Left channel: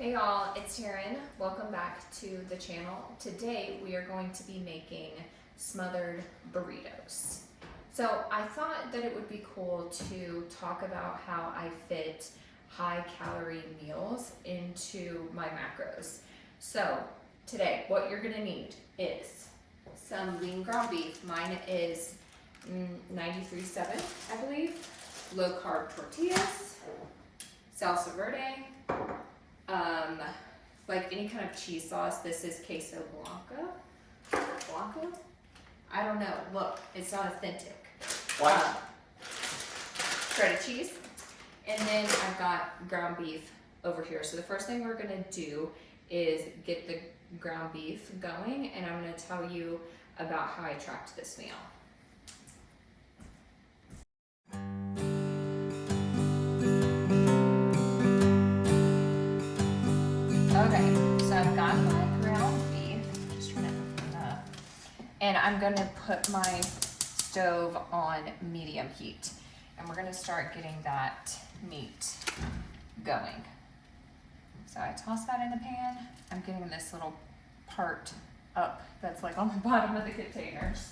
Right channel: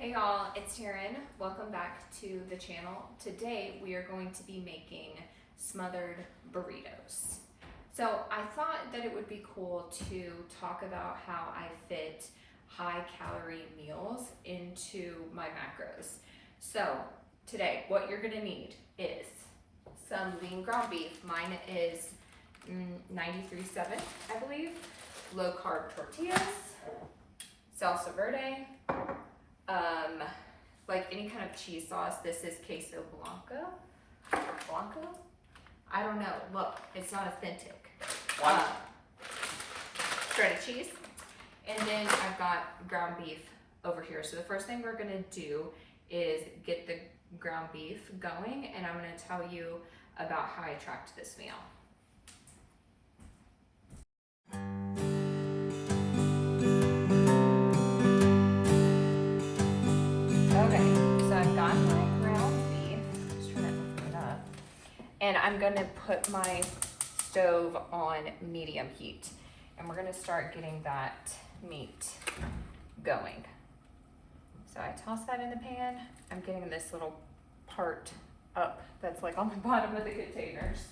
Hey y'all, it's Taryn. Welcome back to the channel. Today we are going to be making smothered burritos. So I thought that it would be cool to talk about how I fit high calorie meals into my macros. So today what you're gonna need is some lean ground beef. Mine is 93.7, I believe. Low carb tortillas, salsa verde, like any kind of cheese sauce. This is queso blanco. I don't know. Look, it's not authentic. Shredded cheese, and then I've got ground beef over here. So the first thing we're gonna do is get the ground beef going, and I'm gonna tell you about how I tracked this meal. And I'm gonna put my stove on medium heat, and we're gonna start getting that meat going. So I toss that in the pan. I'm getting this little part up that's like on the bottom of the containers.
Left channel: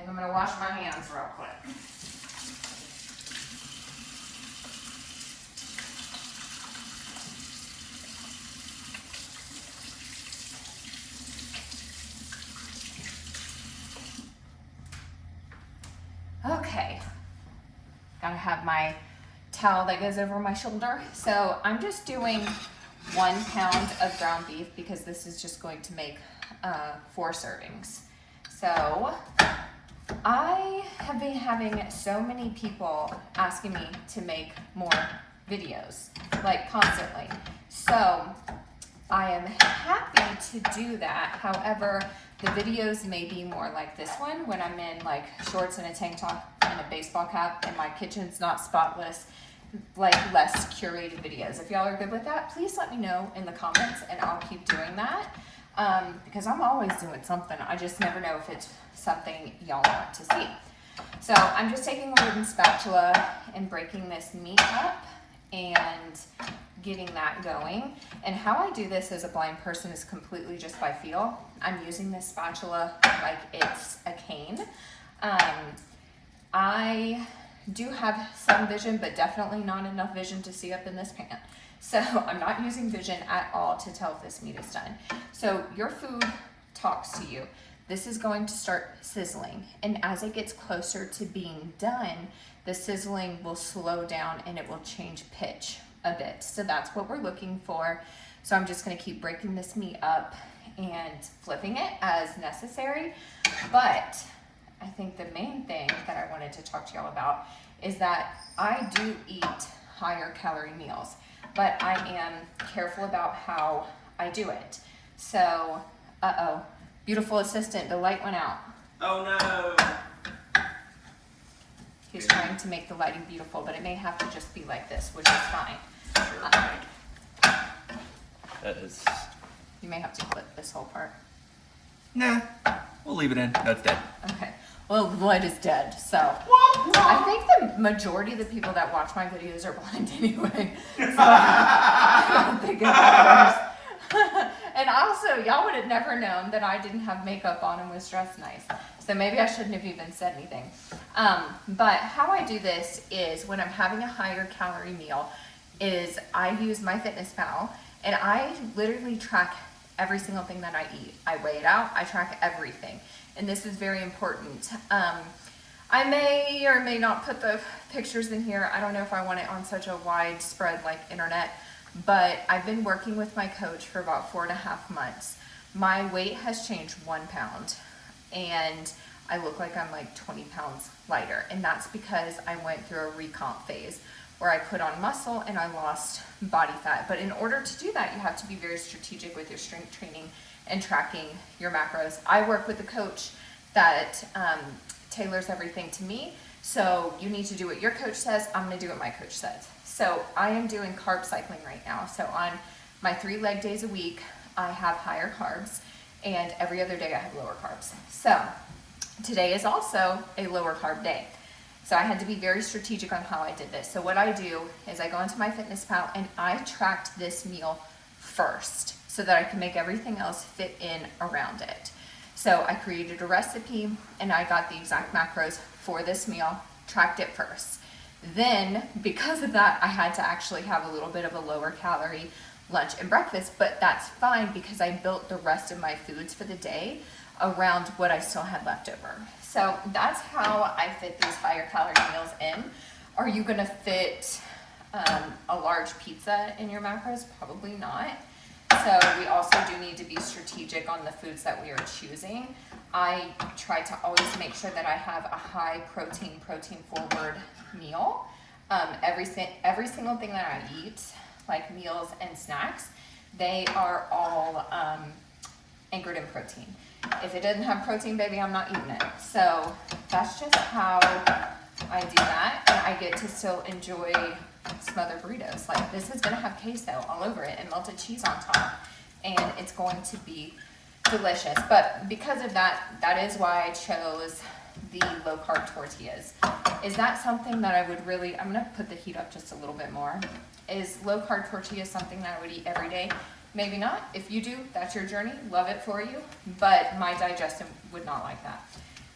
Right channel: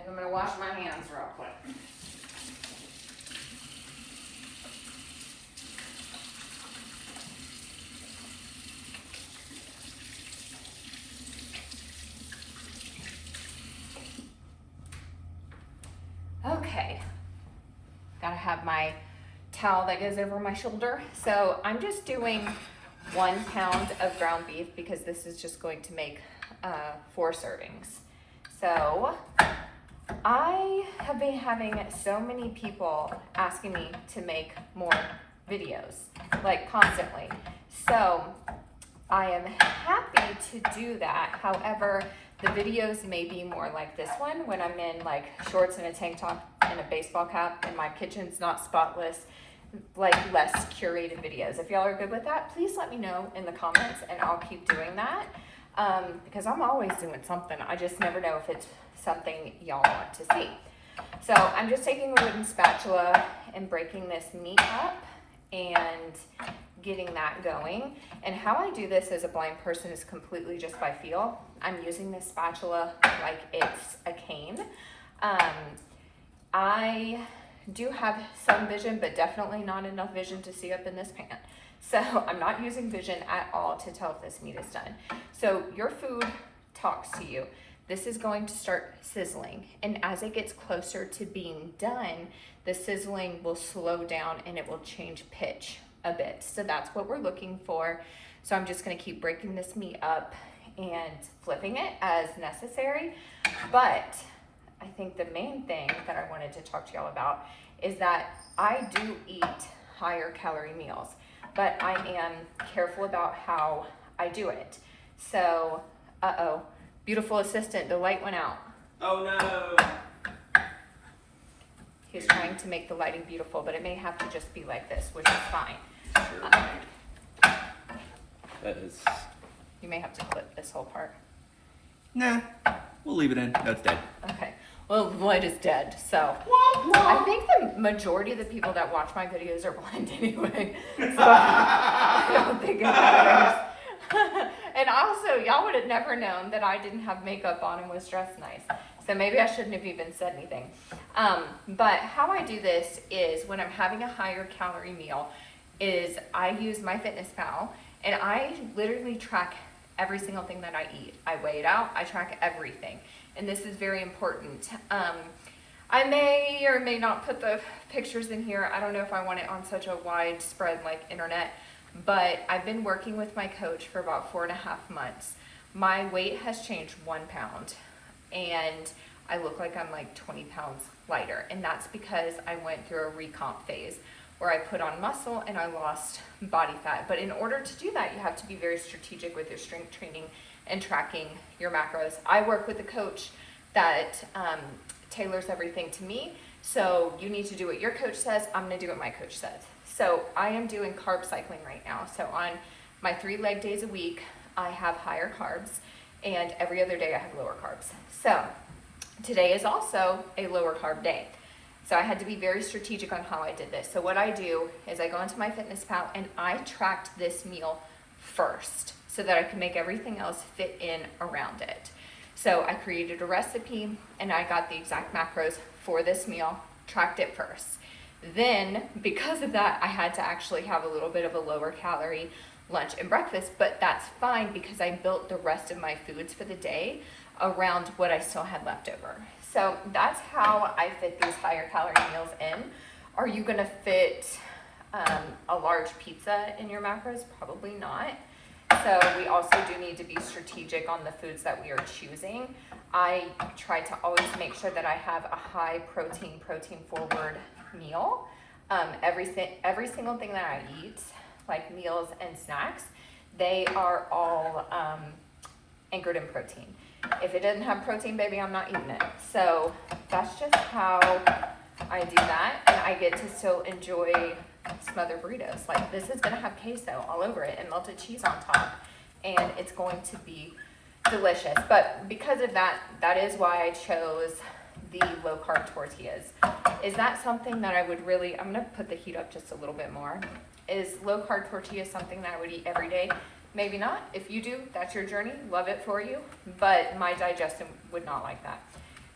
And I'm gonna wash my hands real quick. Okay, gotta have my towel that goes over my shoulder. So I'm just doing 1 pound of ground beef because this is just going to make 4 servings. So I have been having so many people asking me to make more videos, like constantly. So I am happy to do that. However, the videos may be more like this one when I'm in like shorts and a tank top and a baseball cap and my kitchen's not spotless, like less curated videos. If y'all are good with that, please let me know in the comments and I'll keep doing that because I'm always doing something. I just never know if it's something y'all want to see. So I'm just taking a wooden spatula and breaking this meat up and getting that going. And how I do this as a blind person is completely just by feel. I'm using this spatula like it's a cane. I do have some vision, but definitely not enough vision to see up in this pan. So I'm not using vision at all to tell if this meat is done. So your food talks to you. This is going to start sizzling, and as it gets closer to being done, the sizzling will slow down and it will change pitch a bit. So that's what we're looking for. So I'm just gonna keep breaking this meat up and flipping it as necessary. But I think the main thing that I wanted to talk to y'all about is that I do eat higher calorie meals, but I am careful about how I do it. So, beautiful assistant, the light went out. Oh no. He's trying to make the lighting beautiful, but it may have to just be like this, which is fine. You may have to clip this whole part. Nah, we'll leave it in. That's dead. Okay. Well, the light is dead, so I think the majority of the people that watch my videos are blind anyway. So I don't think it matters. And also, y'all would have never known that I didn't have makeup on and was dressed nice. So maybe I shouldn't have even said anything. But how I do this is when I'm having a higher calorie meal is I use MyFitnessPal and I literally track every single thing that I eat. I weigh it out, I track everything. And this is very important. I may or may not put the pictures in here. I don't know if I want it on such a widespread like internet, but I've been working with my coach for about 4.5 months. My weight has changed 1 pound and I look like I'm like 20 pounds lighter. And that's because I went through a recomp phase where I put on muscle and I lost body fat. But in order to do that, you have to be very strategic with your strength training and tracking your macros. I work with a coach that tailors everything to me. So you need to do what your coach says. I'm gonna do what my coach says. So I am doing carb cycling right now. So on my 3 leg days a week, I have higher carbs, and every other day I have lower carbs. So today is also a lower carb day. So I had to be very strategic on how I did this. So what I do is I go into MyFitnessPal and I tracked this meal first so that I can make everything else fit in around it. So I created a recipe and I got the exact macros for this meal, tracked it first. Then, because of that, I had to actually have a little bit of a lower calorie lunch and breakfast, but that's fine because I built the rest of my foods for the day around what I still had left over. So that's how I fit these higher calorie meals in. Are you gonna fit a large pizza in your macros? Probably not. So we also do need to be strategic on the foods that we are choosing. I try to always make sure that I have a high protein forward meal. Every single thing that I eat, like meals and snacks, they are all anchored in protein. If it doesn't have protein, baby, I'm not eating it. So that's just how I do that, and I get to still enjoy smothered burritos. Like, this is gonna have queso all over it and melted cheese on top, and it's going to be delicious. But because of that, that is why I chose the low carb tortillas. Is that something that I would really, I'm gonna put the heat up just a little bit more. Is low carb tortillas something that I would eat every day? Maybe not. If you do, that's your journey. Love it for you. But my digestion would not like that.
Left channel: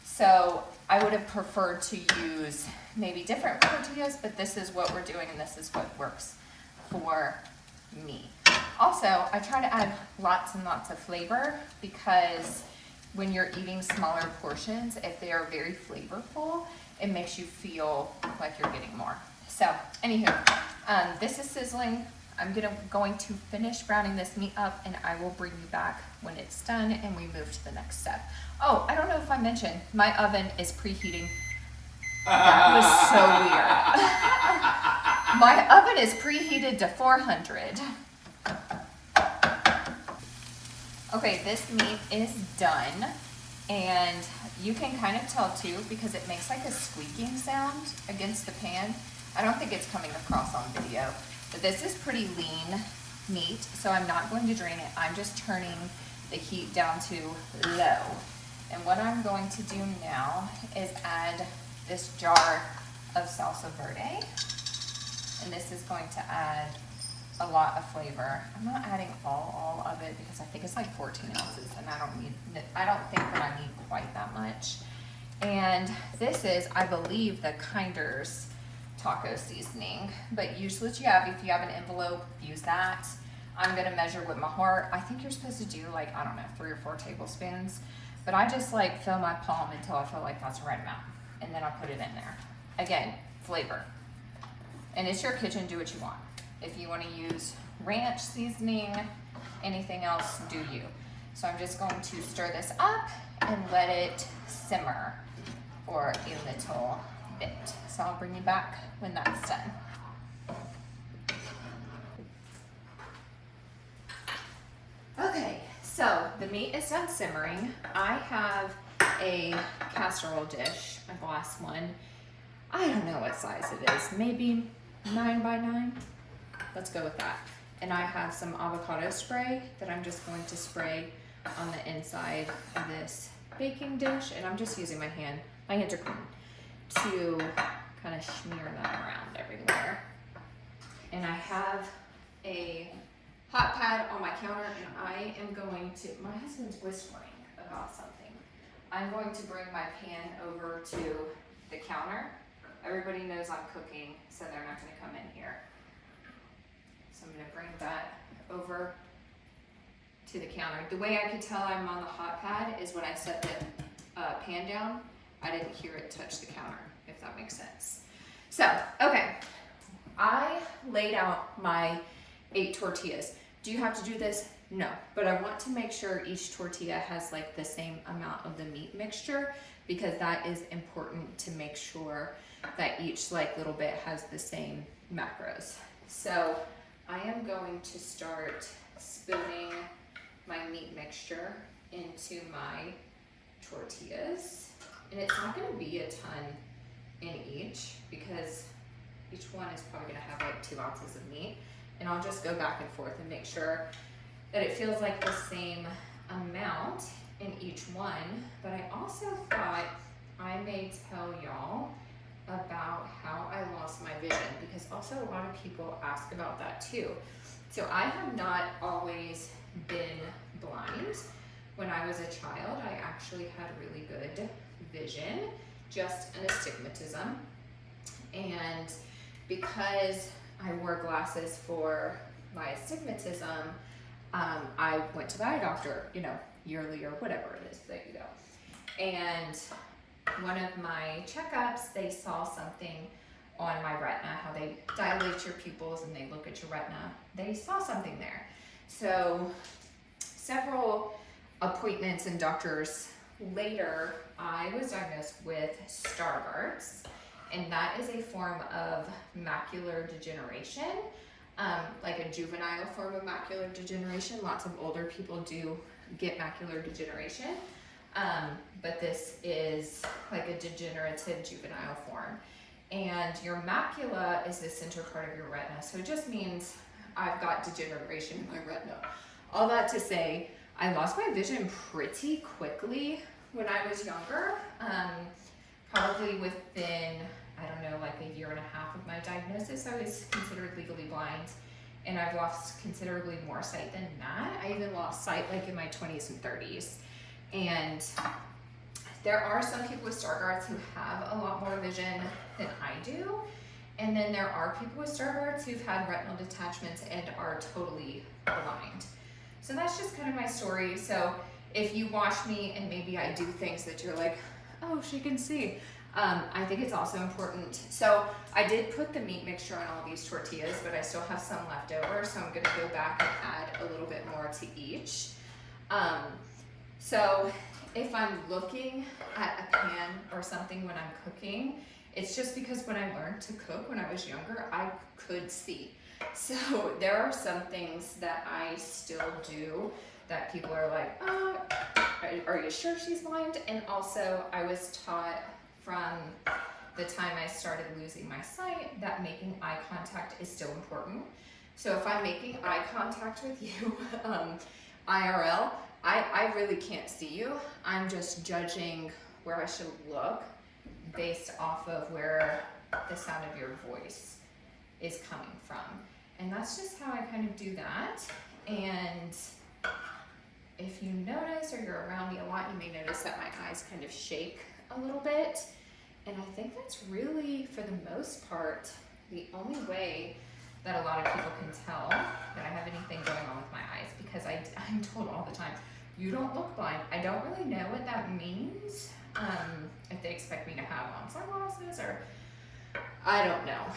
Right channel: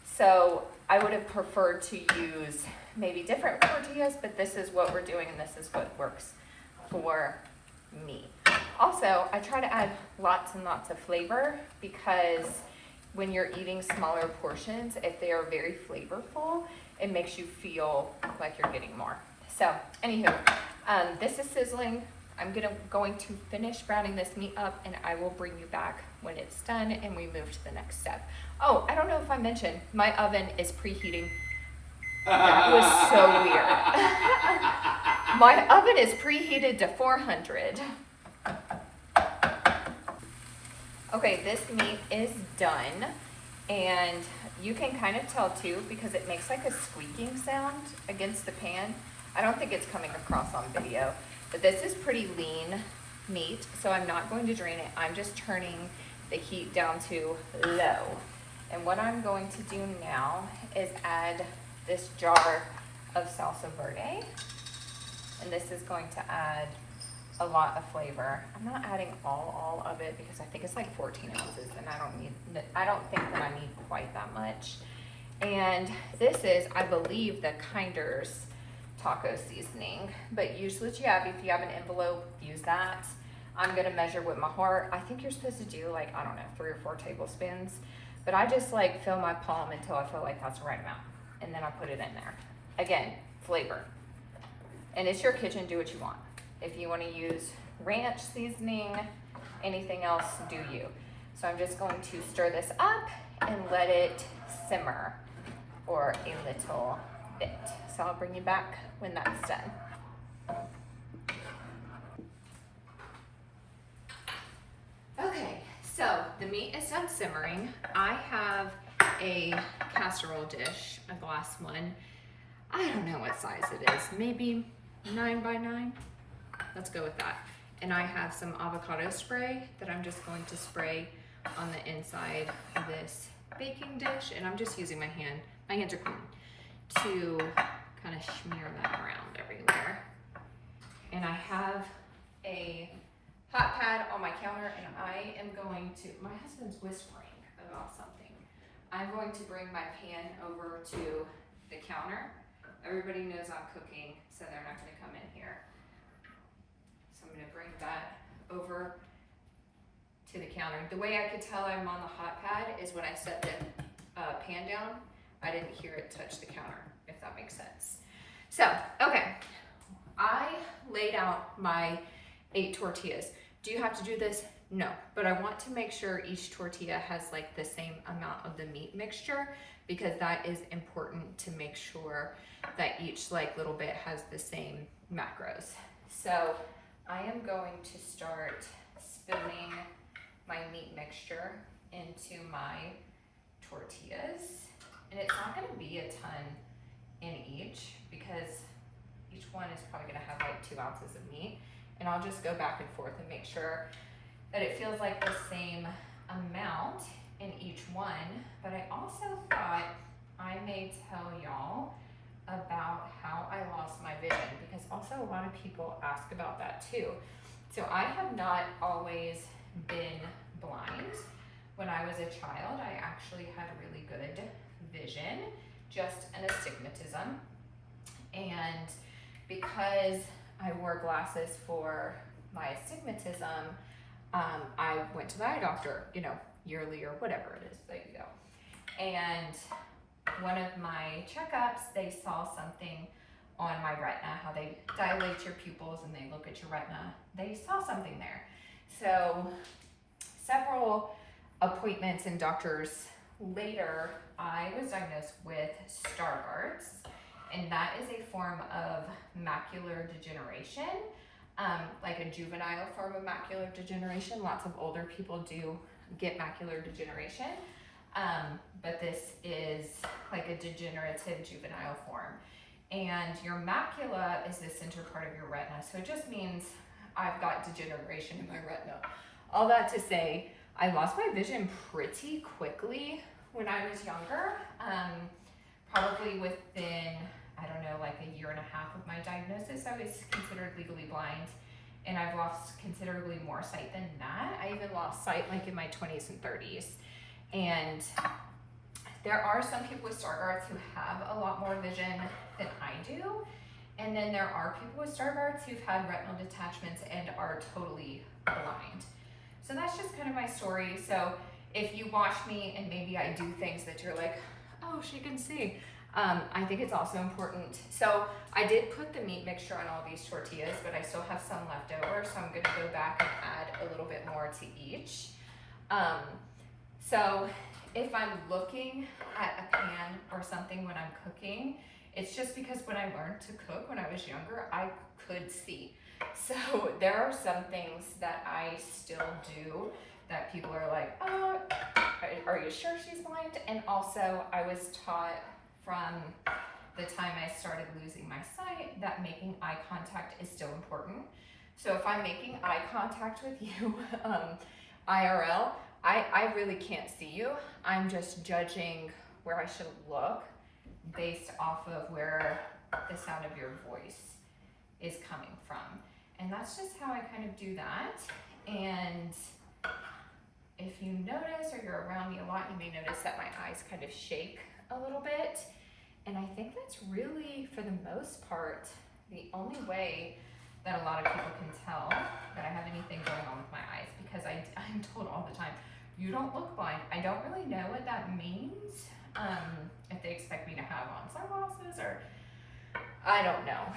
So I would have preferred to use maybe different tortillas, but this is what we're doing and this is what works for me. Also, I try to add lots and lots of flavor because when you're eating smaller portions, if they are very flavorful, it makes you feel like you're getting more. So, anywho, this is sizzling. I'm going to finish browning this meat up and I will bring you back when it's done and we move to the next step. Oh, I don't know if I mentioned, my oven is preheating. That was so weird. My oven is preheated to 400. Okay, this meat is done, and you can kind of tell too because it makes like a squeaking sound against the pan. I don't think it's coming across on video, but this is pretty lean meat, so I'm not going to drain it. I'm just turning the heat down to low. And what I'm going to do now is add this jar of salsa verde, and this is going to add a lot of flavor. I'm not adding all of it because I think it's like 14 ounces and I don't think that I need quite that much. And this is, I believe, the Kinder's taco seasoning, but use what you have. If you have an envelope, use that. I'm gonna measure with my heart. I think you're supposed to do like, I don't know, 3 or 4 tablespoons, but I just like fill my palm until I feel like that's the right amount. And then I put it in there. Again, flavor. And it's your kitchen, do what you want. If you want to use ranch seasoning, anything else, do you. So I'm just going to stir this up and let it simmer for a little bit. So I'll bring you back when that's done. Okay, so the meat is done simmering. I have a casserole dish, a glass one. I don't know what size it is, maybe 9 by 9. Let's go with that. And I have some avocado spray that I'm just going to spray on the inside of this baking dish. And I'm just using my hand, my hands are clean, to kind of smear that around everywhere. And I have a hot pad on my counter and I am going to, my husband's whispering about something. I'm going to bring my pan over to the counter. Everybody knows I'm cooking, so they're not gonna come in here. So I'm gonna bring that over to the counter. The way I could tell I'm on the hot pad is when I set the pan down, I didn't hear it touch the counter, if that makes sense. So, okay, I laid out my 8 tortillas. Do you have to do this? No, but I want to make sure each tortilla has like the same amount of the meat mixture because that is important to make sure that each like little bit has the same macros. So I am going to start spooning my meat mixture into my tortillas. And it's not gonna be a ton in each because each one is probably gonna have like 2 ounces of meat. And I'll just go back and forth and make sure that it feels like the same amount in each one. But I also thought I may tell y'all about how I lost my vision, because also a lot of people ask about that too. So I have not always been blind. When I was a child, I actually had really good vision, just an astigmatism. And because I wore glasses for my astigmatism, I went to the eye doctor, you know, yearly or whatever it is that you go. And one of my checkups, they saw something on my retina, how they dilate your pupils and they look at your retina. They saw something there. So several appointments and doctors later, I was diagnosed with Stargardt, and that is a form of macular degeneration, like a juvenile form of macular degeneration. Lots of older people do get macular degeneration, but this is like a degenerative juvenile form. And your macula is the center part of your retina, so it just means I've got degeneration in my retina. All that to say, I lost my vision pretty quickly when I was younger, probably within, I don't know, like a year and a half of my diagnosis. I was considered legally blind, and I've lost considerably more sight than that. I even lost sight like in my 20s and 30s. And there are some people with Stargardt who have a lot more vision than I do. And then there are people with Stargardt who've had retinal detachments and are totally blind. So that's just kind of my story. So if you watch me and maybe I do things that you're like, oh, she can see, I think it's also important. So I did put the meat mixture on all these tortillas, but I still have some left over. So I'm gonna go back and add a little bit more to each. So if I'm looking at a pan or something when I'm cooking, it's just because when I learned to cook when I was younger, I could see. So there are some things that I still do that people are like, oh, are you sure she's blind? And also I was taught from the time I started losing my sight that making eye contact is still important. So if I'm making eye contact with you, IRL, I really can't see you. I'm just judging where I should look based off of where the sound of your voice is coming from. And that's just how I kind of do that. And if you notice or you're around me a lot, you may notice that my eyes kind of shake a little bit. And I think that's really, for the most part, the only way that a lot of people can tell that I have anything going on with my eyes, because I'm told all the time, you don't look blind. I don't really know what that means. If they expect me to have on sunglasses or, I don't know.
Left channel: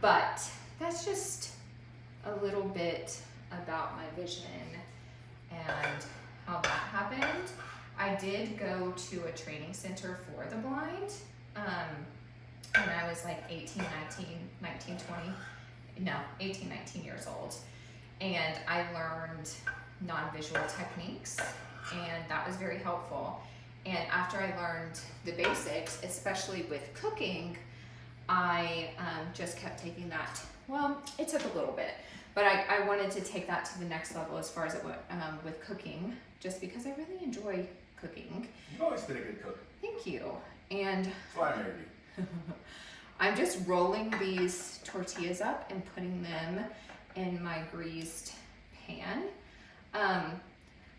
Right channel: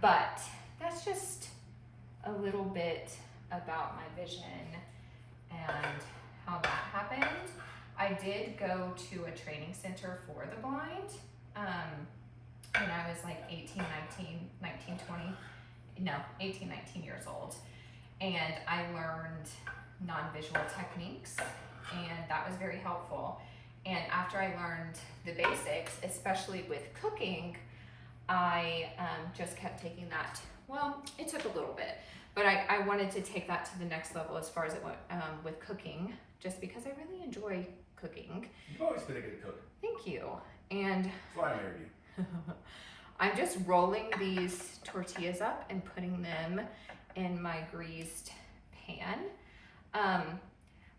But that's just a little bit about my vision and how that happened. I did go to a training center for the blind when I was like 18, 19 years old. And I learned non-visual techniques, and that was very helpful. And after I learned the basics, especially with cooking, I just kept taking that. Well, it took a little bit, but I wanted to take that to the next level as far as it went with cooking, just because I really enjoy cooking. You've always been a good cook. Thank you. And That's why I married you. I'm just rolling these tortillas up and putting them in my greased pan.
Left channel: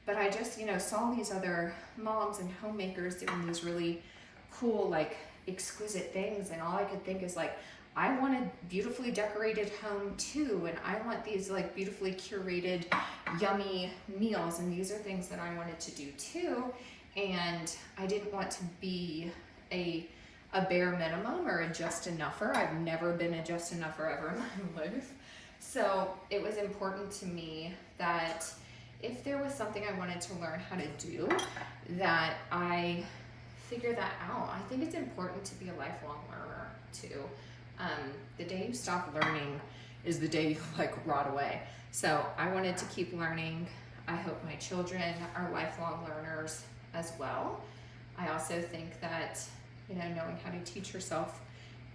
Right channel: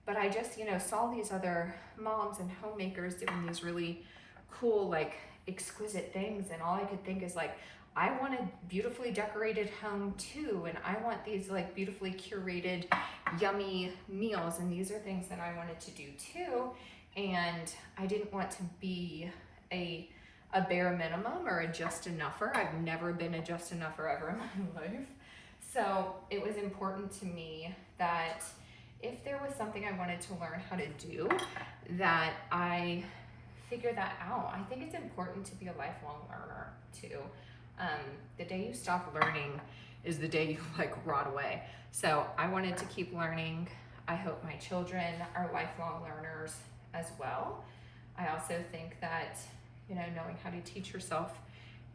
But I just, saw these other moms and homemakers doing these really cool, like exquisite things. And all I could think is like, I want a beautifully decorated home too. And I want these like beautifully curated, yummy meals. And these are things that I wanted to do too. And I didn't want to be a bare minimum or a just enougher. I've never been a just enougher ever in my life. So it was important to me that if there was something I wanted to learn how to do, that I figure that out. I think it's important to be a lifelong learner too. The day you stop learning is the day you like rot away. So I wanted to keep learning. I hope my children are lifelong learners as well. I also think that, knowing how to teach yourself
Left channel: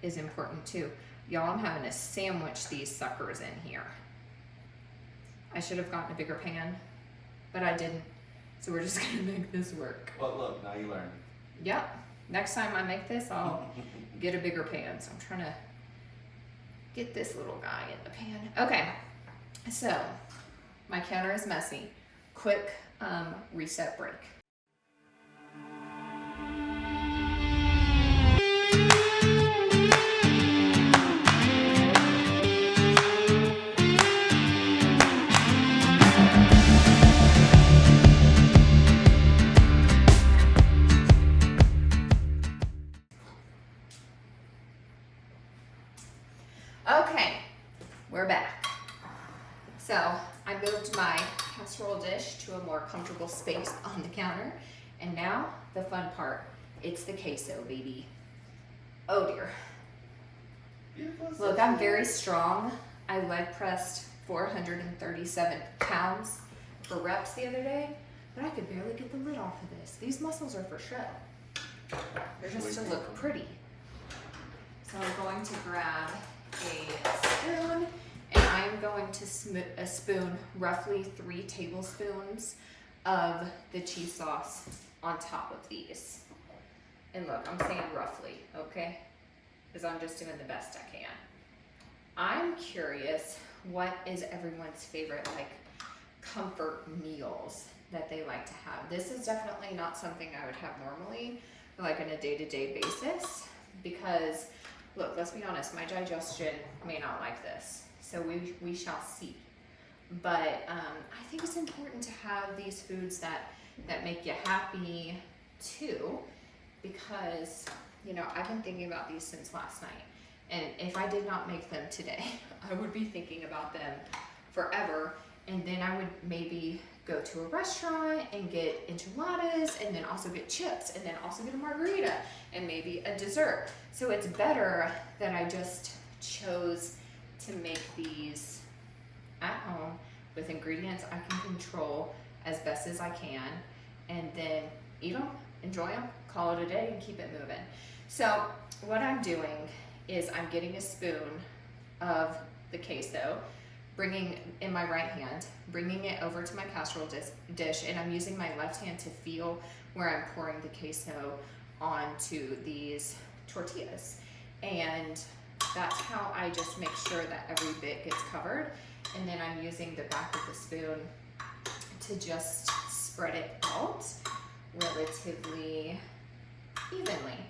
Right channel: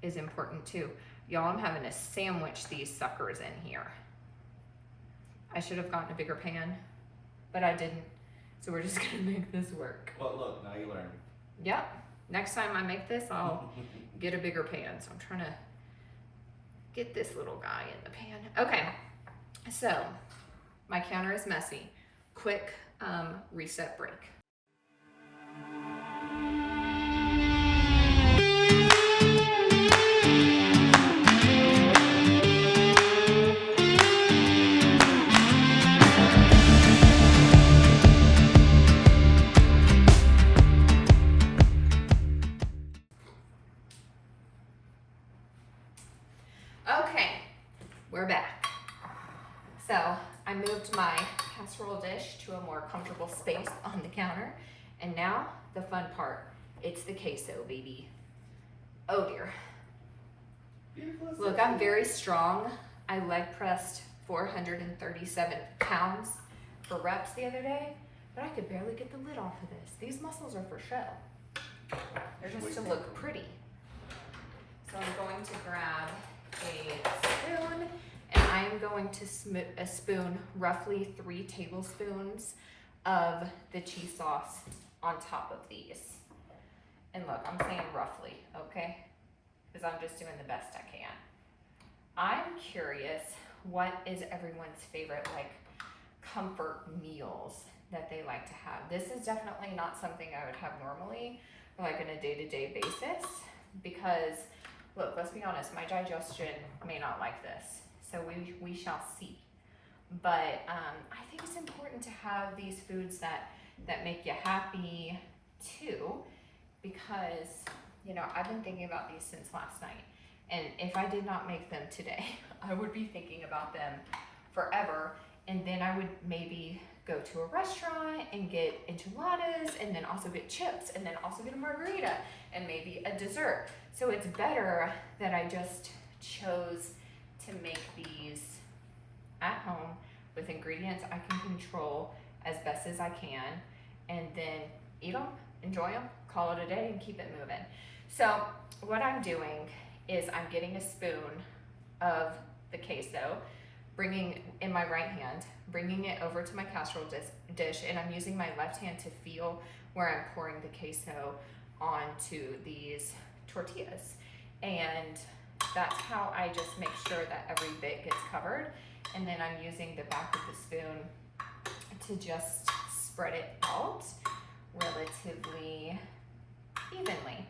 is important too. Y'all, I'm having to sandwich these suckers in here. I should have gotten a bigger pan, but I didn't. So we're just gonna make this work. Well, look, now you learned. Yep. next time I make this, I'll get a bigger pan. So I'm trying to get this little guy in the pan. Okay, so my counter is messy. Quick reset break. Okay, we're back. So I moved my casserole dish to a more comfortable space on the counter. And now the fun part, it's the queso, baby. Oh dear. Look, I'm very strong. I leg pressed 437 pounds for reps the other day, but I could barely get the lid off of this. These muscles are for show. They're just to look pretty. So I'm going to grab a spoon, and I'm going to spoon roughly 3 tablespoons of the cheese sauce on top of these. And look, I'm saying roughly, okay? Because I'm just doing the best I can. I'm curious, what is everyone's favorite, like, comfort meals that they like to have? This is definitely not something I would have normally, like on a day-to-day basis, because look, let's be honest, my digestion may not like this, so we shall see. But I think it's important to have these foods that make you happy too, because, you know, I've been thinking about these since last night, and if I did not make them today, I would be thinking about them forever, and then I would maybe go to a restaurant and get enchiladas, and then also get chips, and then also get a margarita, and maybe a dessert. So it's better that I just chose to make these at home with ingredients I can control as best as I can, and then eat them, enjoy them, call it a day, and keep it moving. So what I'm doing is I'm getting a spoon of the queso, bringing in my right hand, bringing it over to my casserole dish, and I'm using my left hand to feel where I'm pouring the queso onto these tortillas. And that's how I just make sure that every bit gets covered. And then I'm using the back of the spoon to just spread it out relatively evenly.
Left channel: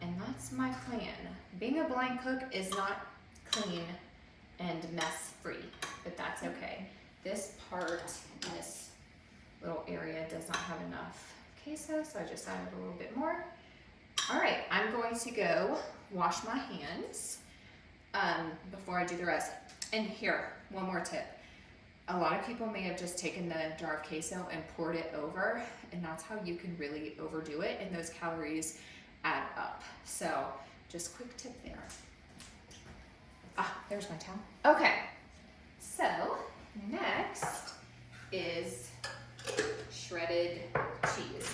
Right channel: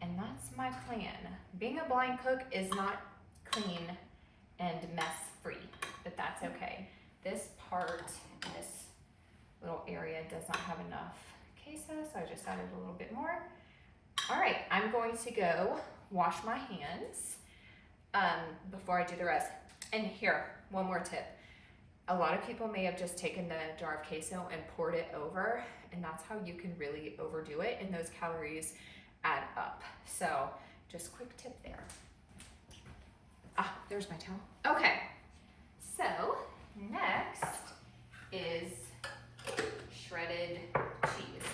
And that's my plan. Being a blind cook is not clean and mess free, but that's okay. This part in this little area does not have enough queso, so I just added a little bit more. All right, I'm going to go wash my hands before I do the rest. And here, one more tip. A lot of people may have just taken the jar of queso and poured it over, and that's how you can really overdo it, and those calories add up. So just quick tip there. Ah, there's my towel. Okay, so next is shredded cheese.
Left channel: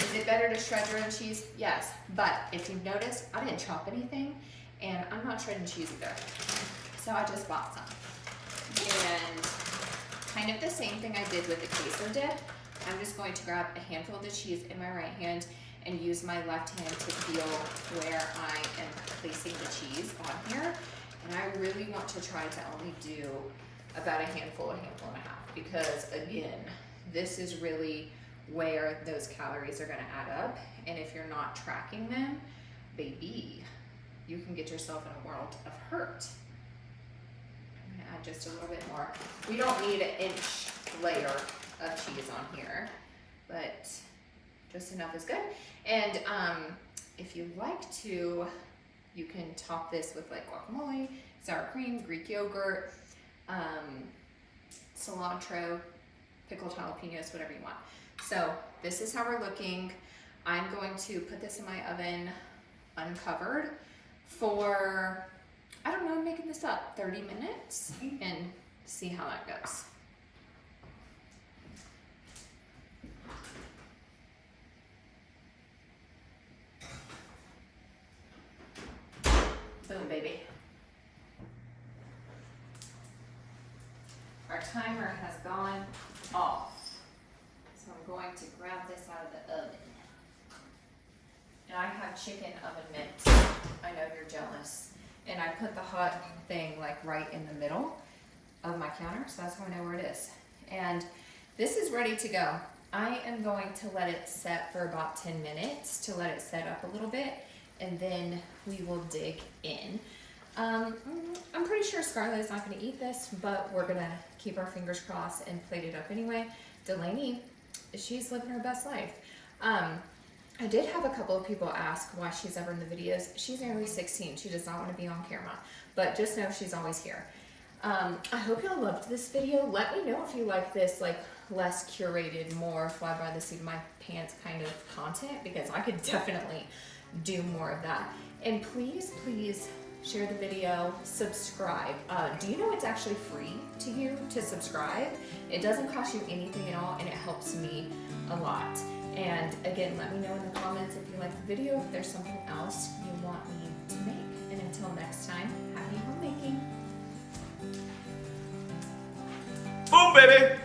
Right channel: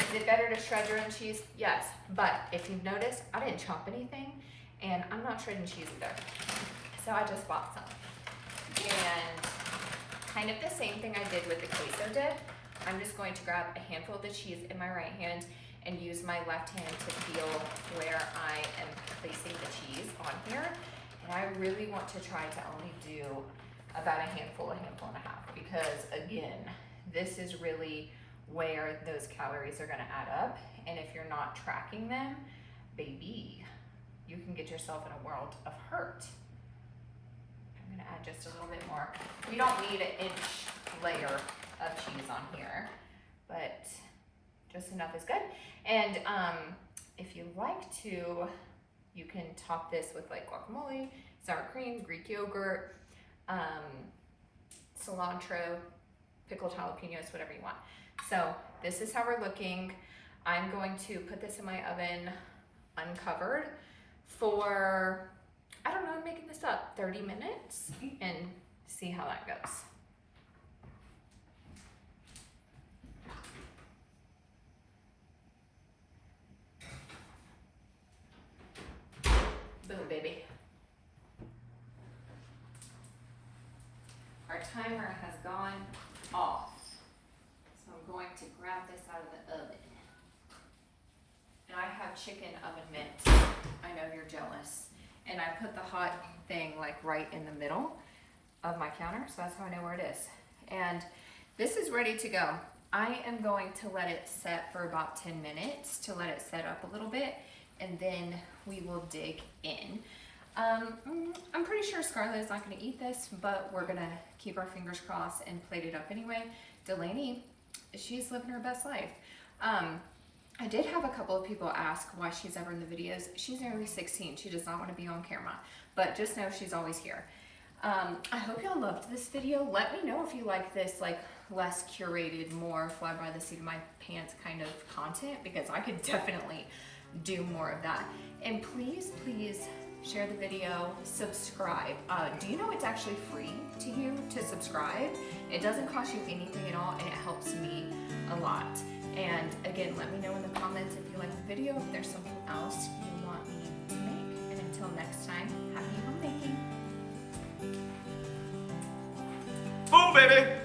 Is it better to shred your own cheese? Yes, but if you've noticed, I didn't chop anything, and I'm not shredding cheese either. So I just bought some. And kind of the same thing I did with the queso dip. I'm just going to grab a handful of the cheese in my right hand and use my left hand to feel where I am placing the cheese on here. And I really want to try to only do about a handful and a half, because again, this is really where those calories are gonna add up. And if you're not tracking them, baby, you can get yourself in a world of hurt. I'm gonna add just a little bit more. We don't need an inch layer of cheese on here, but just enough is good. And if you like to, you can top this with like guacamole, sour cream, Greek yogurt, cilantro, pickled jalapenos, whatever you want. So this is how we're looking. I'm going to put this in my oven uncovered for, I don't know, I'm making this up, 30 minutes and see how that goes. Boom, baby. Our timer has gone off. So I'm going to grab this out of the oven. and I have chicken oven mitts. I know you're jealous. And I put the hot thing like right in the middle of my counter, so that's how I know where it is. And this is ready to go. I am going to let it set for about 10 minutes to let it set up a little bit, and then we will dig in. I'm pretty sure Scarlett is not going to eat this, but we're going to keep our fingers crossed and plate it up anyway. Delaney, she's living her best life. I did have a couple of people ask why she's ever in the videos. She's nearly 16. She does not want to be on camera, but just know she's always here. I hope y'all loved this video. Let me know if you like this like less curated, more fly by the seat of my pants kind of content, because I could definitely do more of that. And please, please share the video, subscribe. Do you know it's actually free to you to subscribe? It doesn't cost you anything at all, and it helps me a lot. And again, let me know in the comments if you like the video, if there's something else you want me to make. And until next time, happy homemaking. Boom, baby!